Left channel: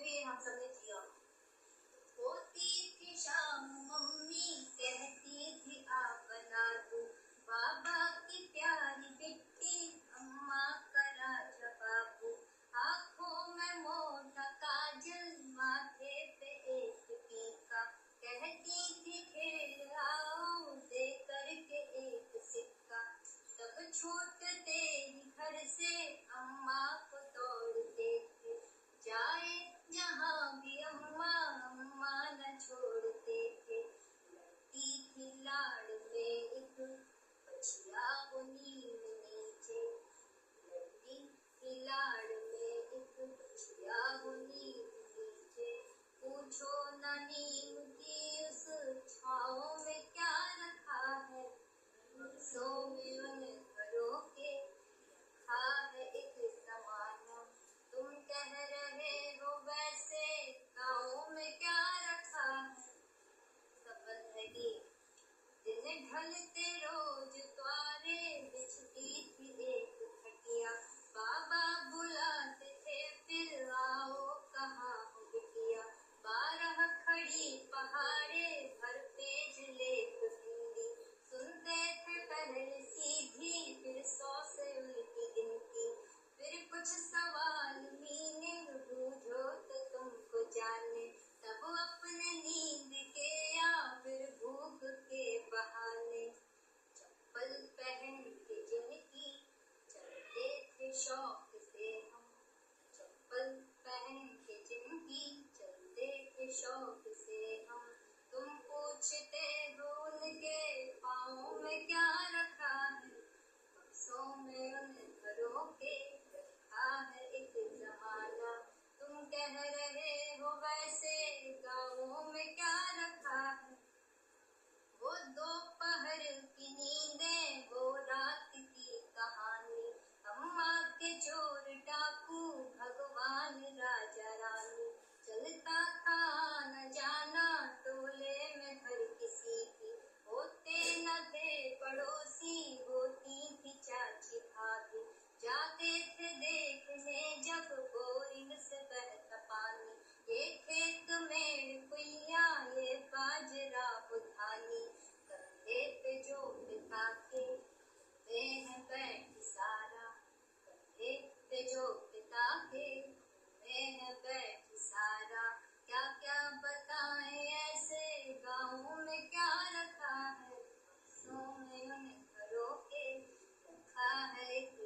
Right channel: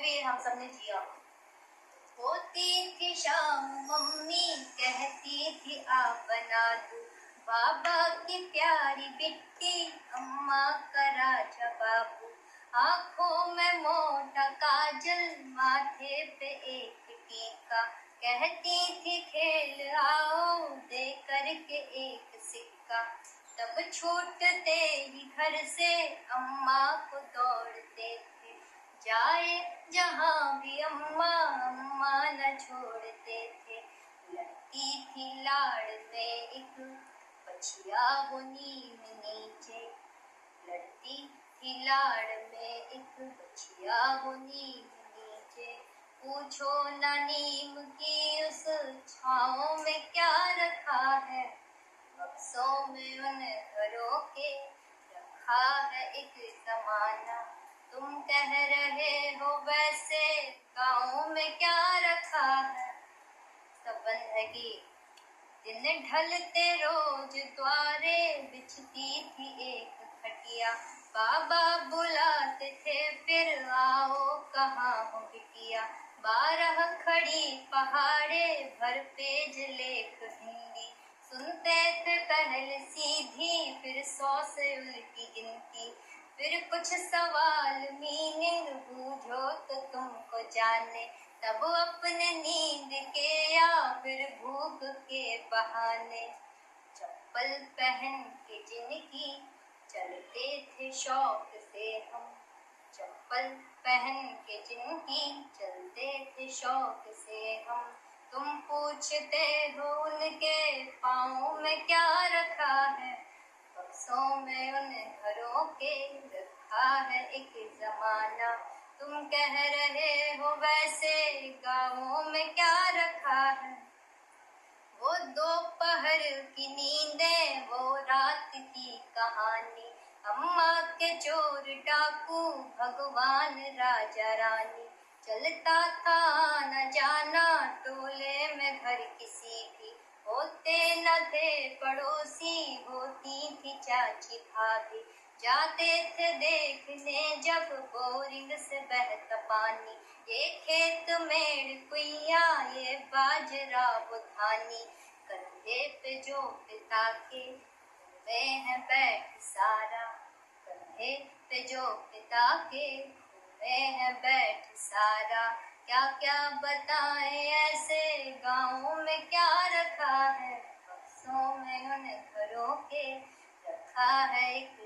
में भी हम सब ने जिया। होती थी शाम मम्मी कहती थी आ बना दूं, बाबा की प्यारी बिट्टी अम्मा का राजा बाबू। आंखों में मोटा काजल माथे पे एक टीका, कहती थी खेल आओ दे करके एक सिक्का। तब छूटते ही घर से अम्मा को दौड़ते थे, जाए जहाँ भी अम्मा अम्मा न छोड़ते थे। लड़ती थी लाड़ में एक बछिया वो नीम नीचे, लड़ती थी लाड़ में एक बछिया वो नीम नीचे। पूछो ना नीम की उस छाँव में क्या रखा है, बक्सों में उन घरों के रखा है एक जमाना। तुम कह रहे हो वैसे गाँव में क्या रखा है, सब बंधगी दिन ढलते रोज द्वारे बिछती थी एक खटिया। बाबा बुलाते थे फिर आओ कहाँ हो बिटिया, 12 खड़ी पहाड़े भर पेज लेख हिंदी। सुनते थे पहले सीधी फिर 100 से उल्टी गिनती, फिर कुछ सवाल मीनिंग बूझो तो तुमको जाने। तब अपने नींद के या फिर भूख के बहाने चप्पल पहन के जिनकी चलते थे शौक से हम, चप्पल पहन के जिनकी चलते थे शौक से हम। तुम पूछते हो उनके पाँव में क्या रखा है, बक्सों में उन घरों के रखा है एक जमाना। तुम कह रहे हो वैसे गाँवों में क्या रखा है, वो दोपहर की नींदें वो रात की कहानी। अम्मा के चोर डाकू भगवान राजा रानी, चलता था न जाना टोले में घर किसी भी। होते न थे पड़ोसी होती थी चाची भाभी, जाते थे देखने जब बोरिंग से बहता पानी। ये खेत मेड़ कुइया ये बाजरा बुधानी, कंधे पे जो पिता के वे हैं बैठ सारा, कंधे पे जो पिता के वे हैं बैठ सारा। क्या क्या बताएं ऐसे गाँव में क्या रखा है, बक्सों में उन घरों के रखा है एक